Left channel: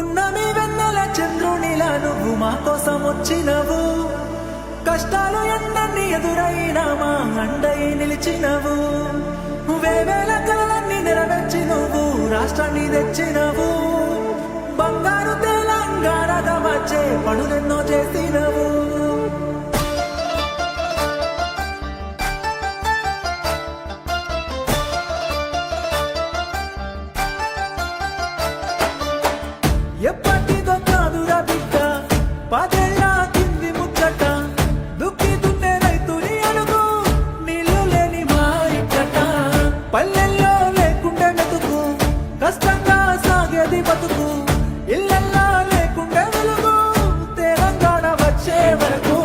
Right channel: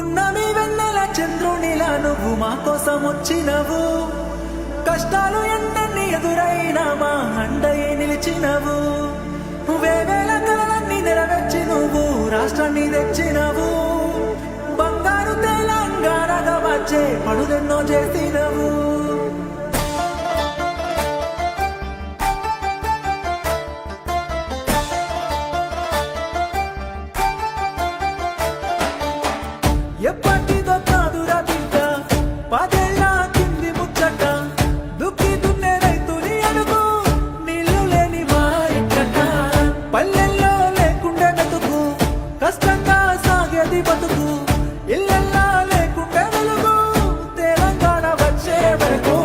పున్నమి వెన్నెల చంద్రునిలా నువ్వు మా కోసం వచ్చినవు. కష్టాలు ఎన్నన్ని ఎదురైనా మా అండయే నిలిచినవు. వేవేల కలలన్నీ నెరవేర్చి నువ్వు రాష్ట్రాన్ని తెచ్చినవు. బంగారు తెలంగాణగా వచ్చే పనులెన్నో చేసినవు. ఎప్పటిదో కాదురా బిడ్డ పదేళ్ళ కింది ముచ్చట. దుక్కి దున్నే రైతుని అడుగు నీళ్లు లేని మా ఇక్కట. పల్లెల్లో లేకుండే మెతుకు కష్టంగా సాగేది బతుకు. ఇళ్ళల్లా లేకుండే వెలుగు తెలంగాణ వచ్చే వరకు.